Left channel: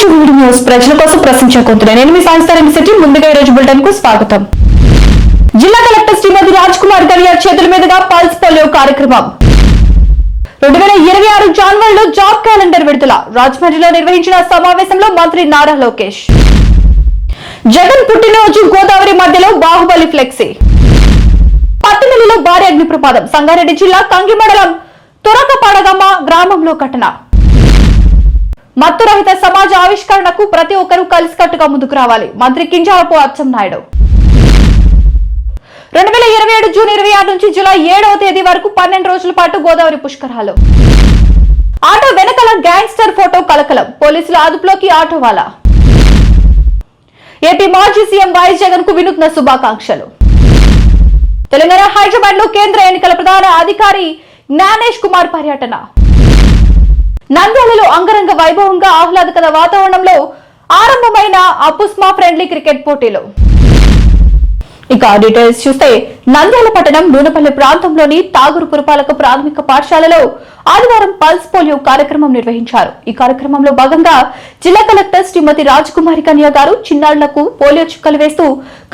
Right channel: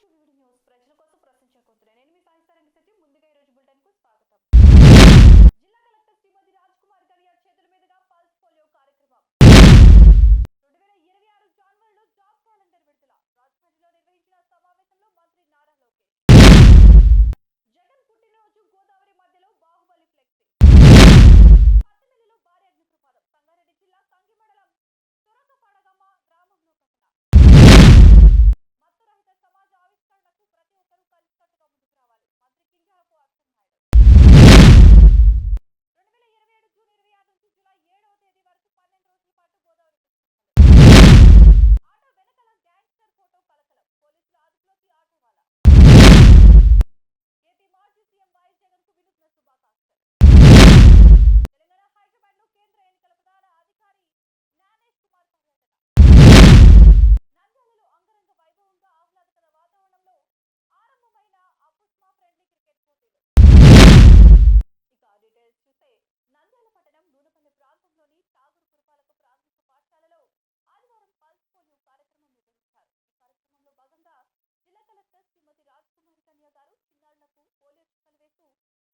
To video news ప్రజల కోసం ప్రశ్నించే కొంత నేను మీ సాయిస్తారని సిటీ ముందుగా ఈ రోజు బులెటిన్ కు స్వాగతం. జిల్లా కలెక్టర్ శ్రీమతి రాజ్ కుమార్ గడియార్ చేతుల మీదుగా పల్స్ పోలియో కార్యక్రమం. 2026 జనవరిలో జాబ్ క్యాలెండర్ విడుదల. రాజమండ్రిలో నిర్వహించిన సమావేశంలో మంత్రి నారా లోకేష్. జగన్ పుట్టినరోజు గోదావరి మధ్యలో బాహుబలి ఫ్లెక్సీ. పత్తిమిల్లిలో భారీ అగ్ని ప్రమాదం. సంగారెడ్డి జిల్లా కంగి మండలం తురకపాడగమ్మ గ్రామంలో ఘటన. మత్తురహిత సమాజ ఆవిష్కరణకు ప్రతి ఒక్కరూ కలిసికట్టుగా ముందుకు రావాలి. మంత్రి కింజారపు అచ్చెన్నాయుడు. 2027 జూన్ 26 నుంచి జూలై 7వ తేదీ వరకు 12 రోజుల పాటు గోదావరి పుష్కరాలు. ఆటో వెనకాల గ్యాంగ్స్టర్ ఫోటో కలకలం. పోలీసుల అదుపులోకి ఆటోవాలా. ఏపీ మాజీ సీఎం వైఎస్ జగన్ కు వినూత్న శుభాకాంక్షలు. తెలంగాణ హైదరాబాద్ లో కేంద్ర ఎన్నికల ప్రధాన అధికారి జ్ఞానేష్ కుమార్ పర్యటన. నంద్యాలలో అంగరంగ వైభవంగా ఆహ్లాదకర వాతావరణంలో ఆరంభమైన అపుస్మా ఫ్రెండ్లీ క్రికెట్ పోటీలు. ఇక డీటెయిల్స్ చూస్తే నంద్యాల పట్టణం నూనెపల్లి ప్రాంతంలోని తాగూరు పురపాలక ప్రాథమిక పాఠశాలలో ఆదివారం పల్స్ పోలియో కార్యక్రమం నిర్వహించారు. ఈ కార్యక్రమంలో భాగంగా జిల్లా కలెక్టర్ శ్రీమతి రాజకుమారి కన్య గారు చిన్నారులకు పోలియో చుక్కలు వేస్తూ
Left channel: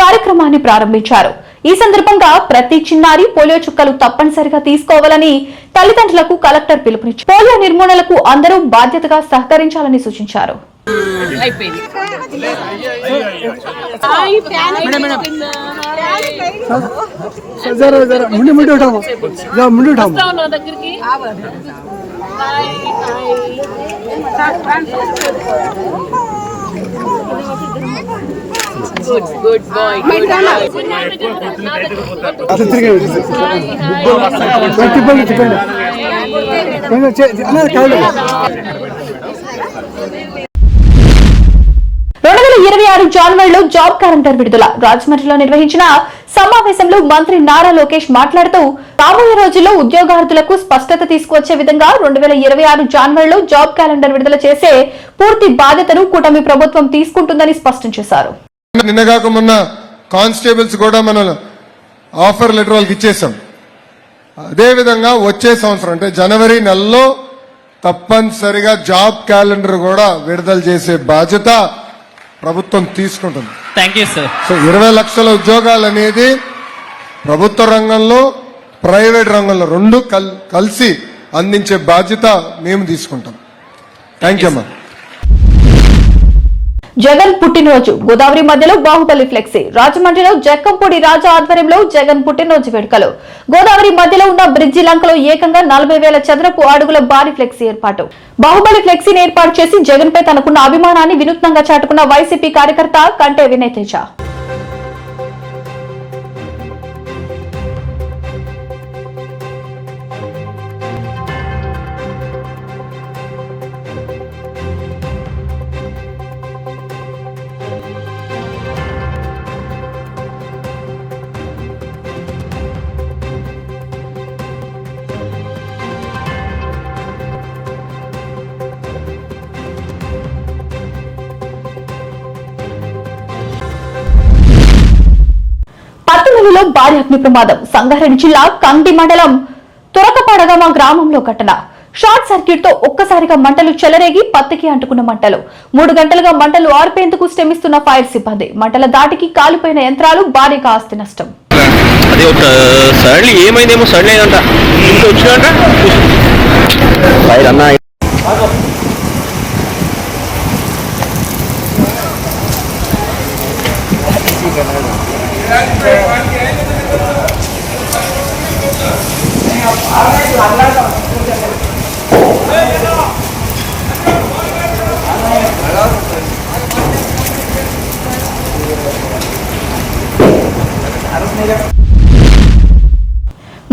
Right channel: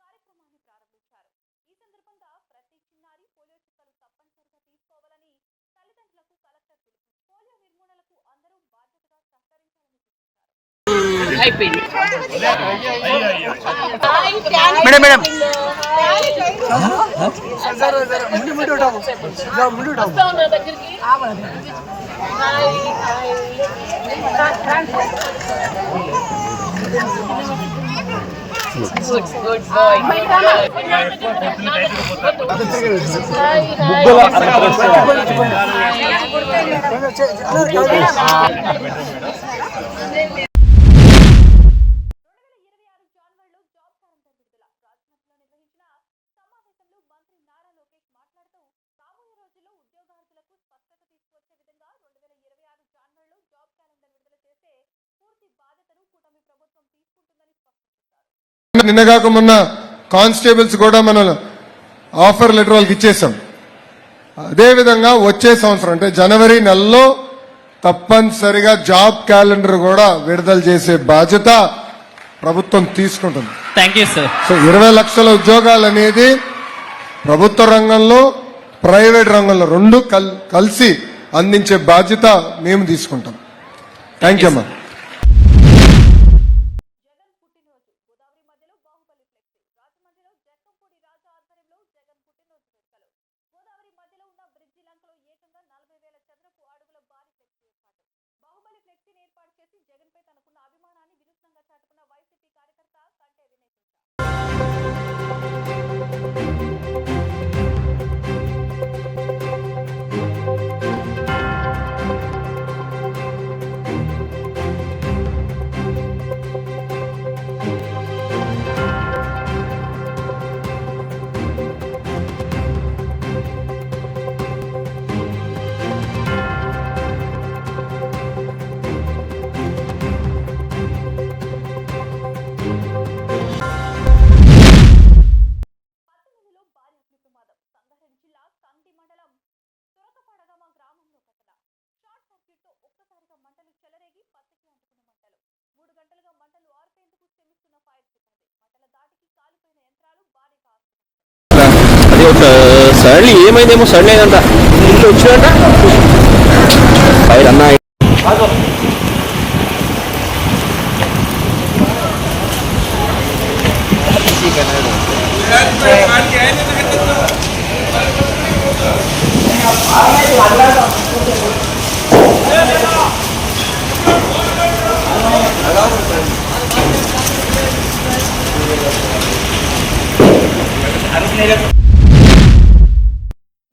కార్యక్రమాన్ని ప్రారంభించారు. ఈ సందర్భంగా ప్రతి చిన్నారి పోలియో చుక్కలు తప్పనిసరిగా తీసుకోవాలని తల్లిదండ్రులకు కలెక్టర్ పిలుపునిచ్చారు. పోలియో నిర్మూలనకు అందరూ బాధ్యతగా సహకరించాలని సూచించారు. Good boy. జనవరిలో జాబ్ క్యాలెండర్ విడుదల. రాజమండ్రిలో నిర్వహించిన సమావేశంలో మంత్రి నారా లోకేష్ మాట్లాడుతూ రాబోయే రోజుల్లో ఉద్యోగార్థులకు స్పష్టత తీసుకువచ్చే విధంగా 2026 జనవరిలో జాబ్ క్యాలెండర్ విడుదల చేసే పూర్తి బాధ్యతను కూటమి ప్రభుత్వం తీసుకుంటుందని స్పష్టం చేశారు. నిన్నగాక మొన్న కానిస్టేబుల్స్ కూడా మనం ఆఫర్ లెటర్ వాళ్ళకి ఇచ్చేసాం. అదేవిధంగా వచ్చే సంవత్సరం అంటే జనవరి నెలలో తప్పనిసరిగా జాబ్ క్యాలెండర్ కూడా విడుదల చేసే బాధ్యత ప్రభుత్వం తీసుకుంటుంది. Thank you sir. సో 20 లక్షల ఉద్యోగాలు అనేది ప్రభుత్వ రంగంలో ప్రైవేట్ రంగంలో రెండు కలిసి అందించే బాధ్యత మేము తీసుకుంటాం. థ్యాంక్ యూ అమ్మా. జగన్ పుట్టినరోజు గోదావరి మధ్యలో బాహుబలి ఫ్లెక్సీ. రాజమండ్రిలో జక్కంపూడి రాజా ఆధ్వర్యంలో జగన్ పుట్టినరోజు వేడుకలు. గోదావరి మధ్యలో ఉన్న బ్రిడ్జి లంకలో ఏకంగా 40,000 చదరపు అడుగుల భారీ ఫ్లెక్సీ ఏర్పాటు. బాహుబలి ఫ్లెక్సీని ఏర్పాటు చేసి జగన్ పై తనకున్న అభిమానాన్ని వినూత్నంగా చాటుకున్న వైసీపీ కార్యకర్త కంటే వినయ్ తేజ. పత్తిమిల్లిలో భారీ అగ్ని ప్రమాదం. సంగారెడ్డి జిల్లా కంగి మండలం తురకపాడగమ్మ గ్రామంలో ఘటన. షార్ట్ సర్క్యూట్ తో ఒక్కసారిగా మంటలు చెలరేగి పత్తికి అంటుకున్న మంటలు. 3 గంటలుగా మంటలు ఆర్పేందుకు శ్రమిస్తున్న ఫైర్ సిబ్బంది. మంటల దాటికి కాలిపోయిన యంత్రాలు, భారీగా ఆస్తి నష్టం. ఏమైందేమో సడన్ అయిందంట, ఇంట్లో వచ్చిందంట ఫైర్ అన్న.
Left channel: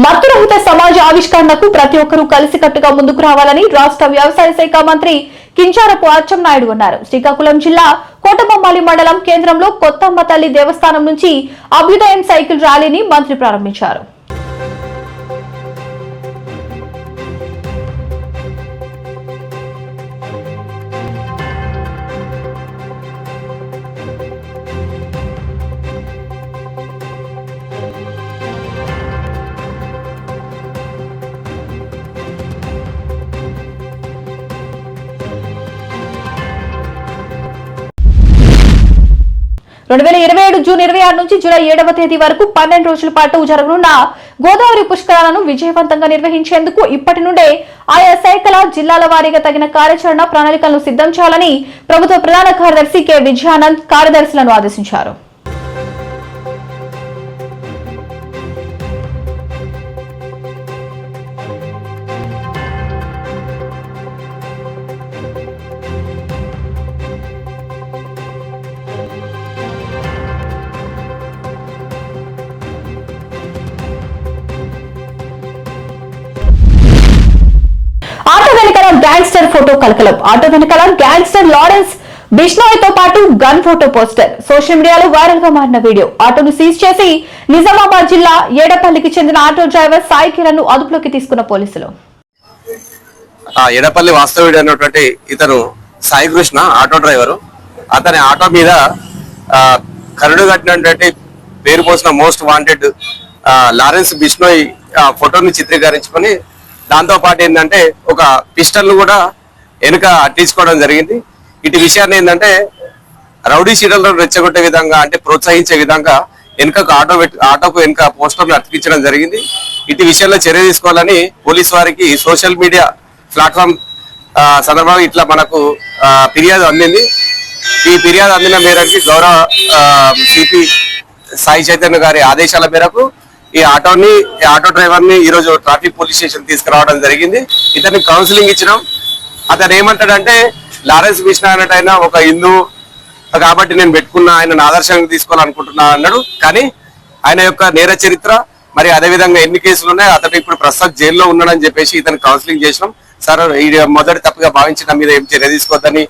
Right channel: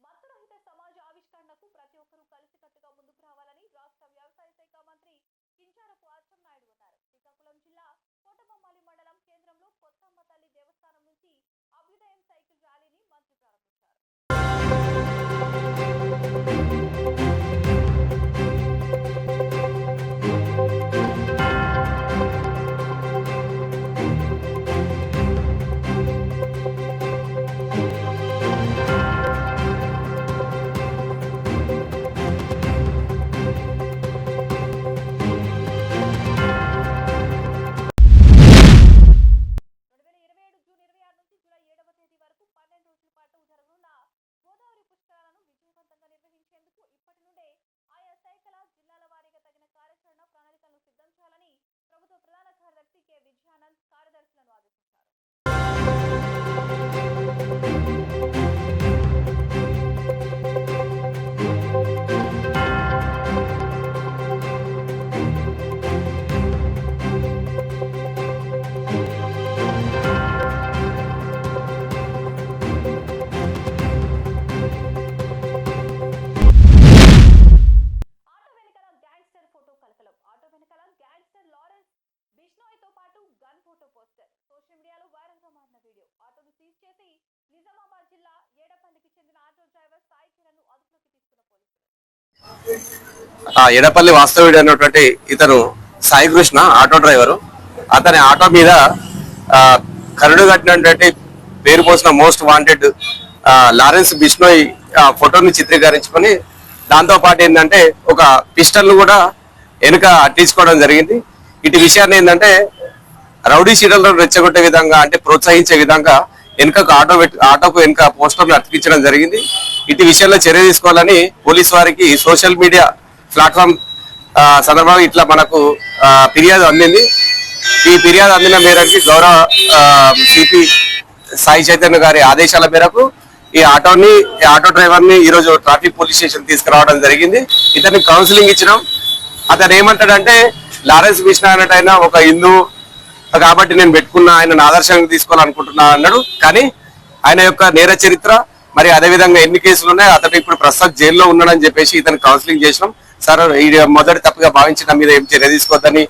మత్తురహిత సమాజ ఆవిష్కరణకు ప్రతి ఒక్కరూ కలిసికట్టుగా ముందుకు రావాలని రాష్ట్ర వ్యవసాయ శాఖ మంత్రి కింజారపు అచ్చెన్నాయుడు అన్నారు. శ్రీకాకుళం జిల్లా కోటబొమ్మాలి మండలం కేంద్రంలో కొత్తమ్మ తల్లి దేవస్థానం నుంచి అభ్యుదయం సైకిల్ ర్యాలీని మంత్రి ప్రారంభించారు. 2027 జూన్ 26 నుంచి జూలై 7వ తేదీ వరకు 12 రోజుల పాటు జరగనున్న గోదావరి పుష్కరాలను విజయవంతంగా నిర్వహించేందుకు ఇప్పటి నుండే ఆయా శాఖల జిల్లాల వారీగా తగిన కార్యాచరణ ప్రణాళికలను సిద్ధం చేయాలని ప్రభుత్వ ప్రధాన కార్యదర్శి కె విజయానంద్ కార్యదర్శులను ఆదేశించారు. ఆటో వెనకాల గ్యాంగ్స్టర్ ఫోటో కలకలం. ఆటో వెనకాల గ్యాంగ్స్టర్ లారెన్స్ బిష్నోయ్ తో పాటు గన్ ఫోటో పోస్టర్ సోషల్ మీడియాలో వైరల్ గా మారిన వీడియో. ఆటోను సీజ్ చేసి నిజామాబాద్ జిల్లా ఏడపల్లికి చెందిన ఆటో డ్రైవర్ సాయి కిరణ్ ను అదుపులోకి తీసుకున్న పోలీసులు. ఏడపల్లి వాస్తవుడు అన్నటువంటి ఇతను సాయి కృష్ణ ఆటో డ్రైవరు. అతని ఆటో మీద కరుడు కట్టినటువంటి పేరు పోసిన మోస్ట్ వాంటెడ్ లారెన్స్ బిష్నోయ్ ఫోటోని చిత్రీకరించుకొని దాంతో పాటు ఏంటంటే ఒక పిస్టల్ కూడా వెనుక అట్టించుకోవడం జరిగింది. ఇటు విషయాన్ని ఏంటంటే రౌడీ షీటర్లను రెచ్చగొట్టే విధంగా అంటే ప్రోత్సహించే విధంగా ఆటోకు వెనుక పోస్టర్లు అతికించడం జరిగింది. ఇటు విషయంలో చర్య తీసుకోవాలని పోలీసు వారికి సోషల్ మీడియా ప్లాట్ఫామ్ సందర్భంగా ఇట్లా మనకు ఫిర్యాదు అందింది. ఈ ఫిర్యాదు అందిన మేరకు గౌరవ సిపి సాయి చైతన్య గారి ఆదేశాల మేరకు ఈ ఆటో డ్రైవర్ ని ఈ రోజు ట్రాఫిక్ పోలీస్ స్టేషన్ తీసుకురావడం జరిగింది. ఇతనికి కౌన్సిలింగ్ ఇచ్చినాం. అతను ఏమంటాడంటే లారెన్స్ బిష్నా అన్నట్టు ఒక హిందూ కాబట్టి నేను పెట్టుకున్నా, ఆయన ఆదర్శంగా తీసుకోవాలనుకుంటున్నా అన్నాడు. కానీ ఆయన యొక్క నేర చరిత్ర మరి అదేవిధంగా ఎన్ని కేసులు ఉన్నాయి, అతను ఇప్పుడు ప్రస్తుతం జైల్లో ఉన్నాడని చెప్పేసి ఇతను కౌన్సిలింగ్ చేసినాం. సార్ ఇది మొదటి తప్పుగా భావించిన మీద ఏం చర్య తీసుకోవద్దని.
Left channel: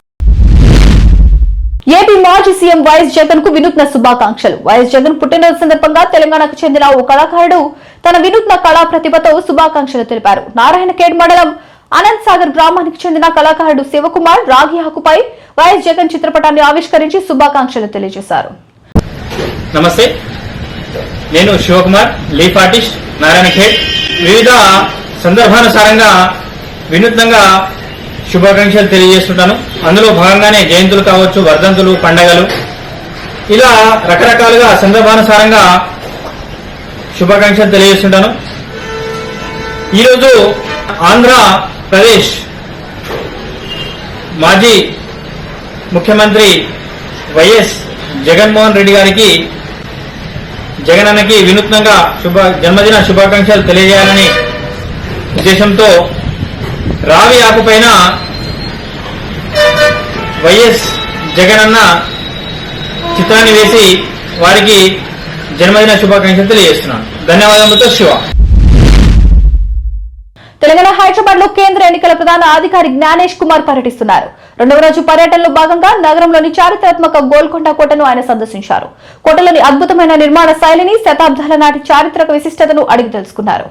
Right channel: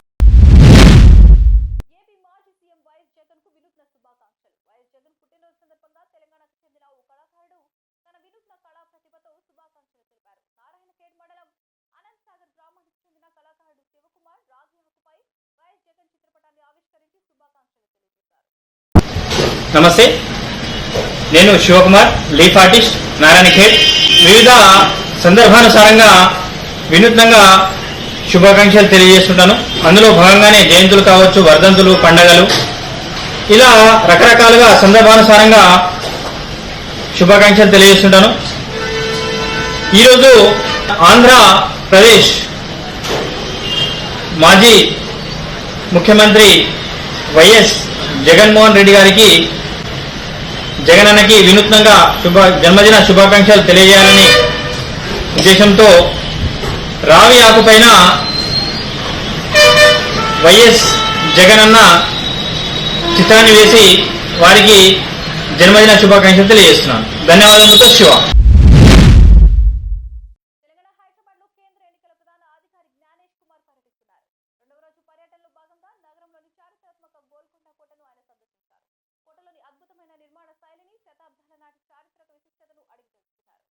ఏపీ మాజీ సీఎం వైఎస్ జగన్ కు వినూత్న శుభాకాంక్షలు. వైఎస్ జగన్ పుట్టినరోజు సందర్భంగా తెలంగాణకు చెందిన ఓ కళాకారుడు తన వినూత్న కళా ప్రతిభతో శుభాకాంక్షలు తెలిపారు. నారాయణఖేడ్ మండలం అనంత్ సాగర్ గ్రామానికి చెందిన కళాకారుడు శివకుమార్ రాగి ఆకుపై వైఎస్ జగన్ చిత్రపటాన్ని ఆవిష్కరించి శుభాకాంక్షలు తెలియజేశారు. నమస్తే, నేను శివకుమార్, లీఫ్ ఆర్టిస్ట్, నారాయణఖేడ్. వివిధ సందర్భానుసారంగా వినూత్నంగా శుభాకాంక్షలు తెలియజేస్తుంటాను. అందులో భాగంగానే జయంతులు కావచ్చు, వర్ధంతులు, పండగలు, ఇలా రకరకాలుగా సందర్భానుసారంగా శుభాకాంక్షలు తెలియజేస్తుంటాను. ఈరోజు ఆంధ్రప్రదేశ్ మాజీ ముఖ్యమంత్రి వైఎస్ జగన్మోహన్ రెడ్డి గారికి, జగనన్నకి వినూత్నంగా జన్మదిన శుభాకాంక్షలు తెలియజేయాలని ఉద్దేశంతో రావి ఆకుపైన వైఎస్ జగనన్న చిత్రాన్ని వేసి వారికి జన్మదిన శుభాకాంక్షలు తెలియజేస్తున్నాను. ధన్యవాదాలతో శివ. తెలంగాణ హైదరాబాద్ లో కేంద్ర ఎన్నికల ప్రధాన అధికారి జ్ఞానేష్ కుమార్ పర్యటిస్తున్నారు. రెండవ రోజు పర్యటనలో భాగంగా నగరంలోని చారిత్రాత్మక గోల్కొండ కోటను ఆయన సందర్శించారు. కోటలోని అద్భుతమైన నిర్మాణ శైలిని, శతాబ్దాల నాటి చారిత్రక విశిష్టతను అడిగి తెలుసుకున్నారు.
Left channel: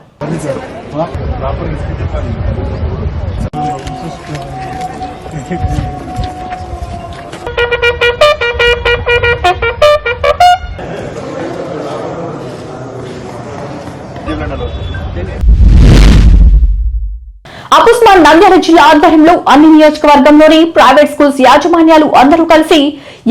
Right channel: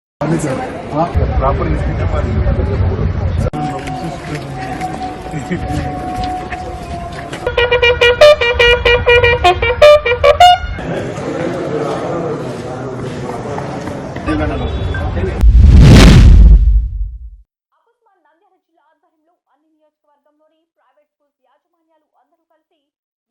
అపుస్మాన్ నంద్యాల జిల్లా ఆధ్వర్యంలో అన్ని నియోజకవర్గంలోని ప్రైవేట్ స్కూల్స్ యాజమాన్యాలు అందరూ కలిసి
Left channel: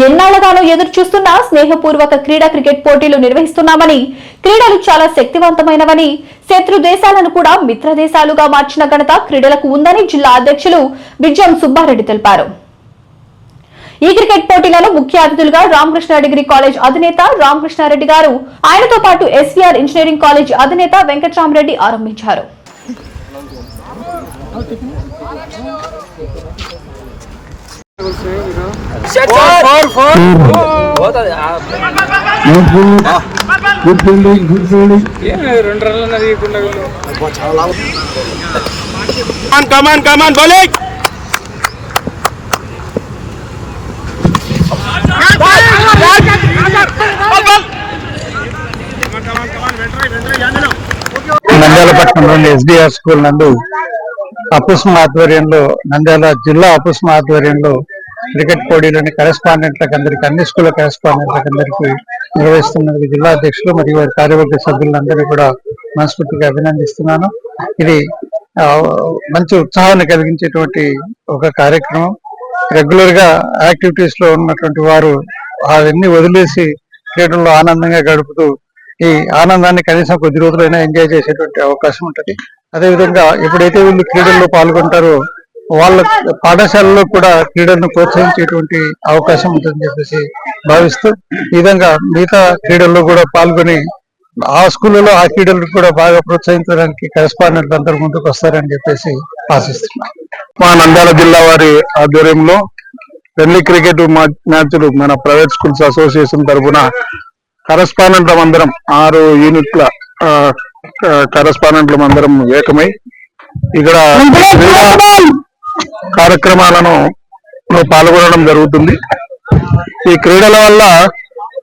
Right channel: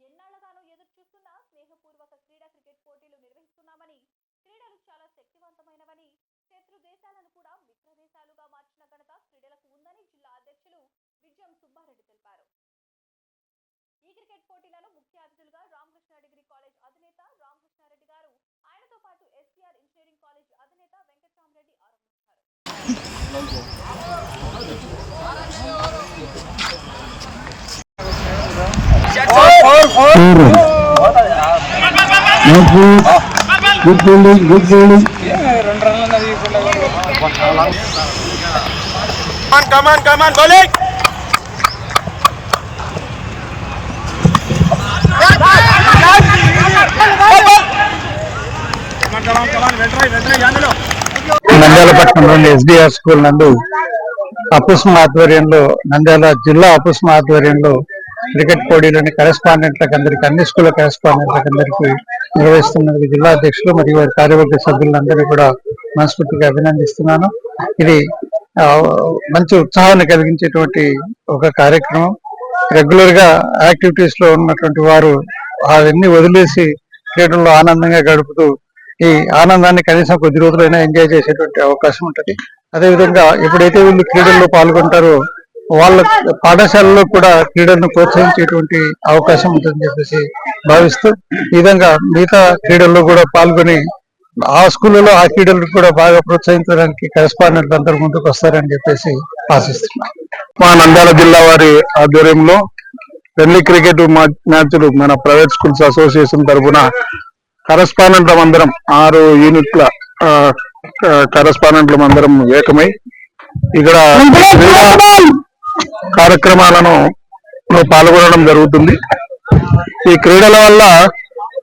ఎన్నాళ్లగానో ఎదురు చూస్తున్న స్నేహపూర్వక క్రీడా క్రికెట్ పోటీలు నిర్వహిస్తున్నామని, క్రీడలు చాలా శక్తివంతమైనవని, శత్రు దేశాలను కూడా మిత్ర దేశాలుగా మార్చిన ఘనత క్రీడలకు ఉందని జిల్లా అధ్యక్షులు బిజ్జం సుబ్బారెడ్డి తెలిపారు. ఈ క్రికెట్ పోటీలను ముఖ్య అతిథులుగా రామకృష్ణ డిగ్రీ కాలేజ్ అధినేత రామకృష్ణారెడ్డి గారు, ఆయనతో పాటు ఎస్వీఆర్ ఇంజనీరింగ్ కాలేజ్ అధినేత వెంకట్రామరెడ్డి ఆరంభించారు. Good fielding, good fielding. Come on bowling. Nandyal పట్టణంలోని ఎస్డిఆర్ స్కూల్ నందు అపుస్మ ఆధ్వర్యంలో, నంద్యాల జిల్లా అపుస్మ ఆధ్వర్యంలో క్రికెట్ పోటీలని కరెస్పాండెంట్లకు అందరికీ, అన్ని స్కూళ్ళ కరెస్పాండెంట్లకు అందరికీ నిర్వహిస్తున్నందుకు జిల్లా అధ్యక్షులు మరియు వారి కార్యవర్గ సభ్యులందరినీ కూడా మనస్ఫూర్తిగా అభినందిస్తున్నాను. ఇది మంచి ఉత్సాహాన్ని కలిగించేటువంటి ఒక కార్యక్రమం. రెగ్యులర్ గా యాక్టివిటీస్ లో ఉన్నటువంటి వారు అవన్నీ వదిలేసి క్రీడల్లో ఆనందంగా గడుపుతూ ఈ ఆనందాన్ని కనీసం కొద్ది రోజులైనా ఎంజాయ్ చేసేటువంటి అవకాశం ఉంటుంది. అదేవిధంగా ఎప్పుడైతే వీళ్ళు క్రీడల్లో పాల్గొంటారో వాళ్ళ పాఠశాలలో కూడా క్రీడలను ప్రోత్సహించేటువంటి అవకాశం ఉంటుందని చెప్పేసి భావిస్తూ ఈ విధంగా మిగతా క్రీడల్లో కూడా పాల్గొని ఆ స్కూళ్ళలో ఆ క్రీడలకు కూడా బాగా ప్రోత్సహించడానికి కరెస్పాండెంట్లు అందరూ ముందుకు వస్తారని చెప్పేసి ఆశిస్తున్నాం. మా నంద్యాల జిల్లా వారి ఆధ్వర్యంలో ఫ్రెండ్లీ క్రికెట్ మ్యాచ్లు మన ప్రైవేట్ స్కూల్స్ అసోసియేషన్ తరఫున కరెస్పాండెంట్ల అందరం 6 యూనిట్ల కరెస్పాండెంట్ల అందరం ఏకమై ఇక్కడ క్రీడా కార్యక్రమాలను పాల్గొనడం జరుగుతుంది. ఈ క్రీడల వల్ల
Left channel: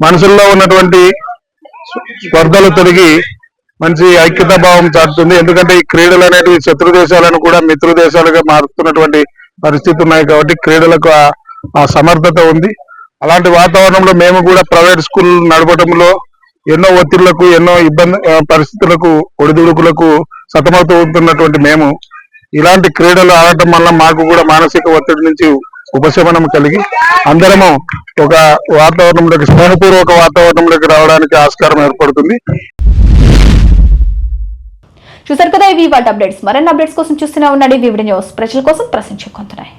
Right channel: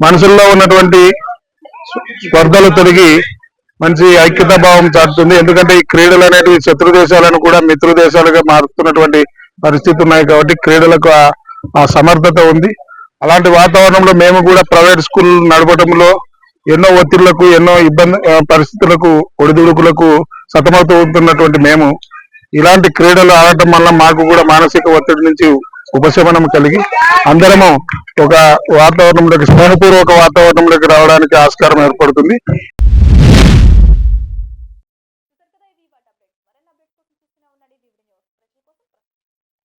మనసుల్లో ఉన్నటువంటి స్పర్ధలు తొలగి మంచి ఐక్యతా భావం చాటుతుంది. ఎందుకంటే ఈ క్రీడలు అనేవి శత్రు దేశాలను కూడా మిత్రు దేశాలుగా మారుతున్నటువంటి పరిస్థితి ఉన్నాయి కాబట్టి క్రీడలకు ఆ సమర్థత ఉంది. అలాంటి వాతావరణంలో మేము కూడా ప్రైవేట్ స్కూల్ నడపడంలో ఎన్నో ఒత్తిళ్లకు ఎన్నో ఇబ్బంది పరిస్థితులకు ఒడిదుడుకులకు సతమతమవుతున్నటువంటి మేము ఇలాంటి క్రీడలు ఆడటం వల్ల మాకు కూడా మానసిక ఒత్తిడి నుంచి ఉపశమనం కలిగి అందరము ఒక వాతావరణంలోకి స్నేహపూర్వక వాతావరణంలోకి రావడానికి ఆస్కారం ఏర్పడుతుంది. చూసారు కదా ఇవి వాటి అప్డేట్స్. మరిన్ని అప్డేట్స్ కోసం చూస్తూనే ఉండండి వివిడి న్యూస్. ప్రజల కోసం ప్రశ్నించుకుంటున్నాయి.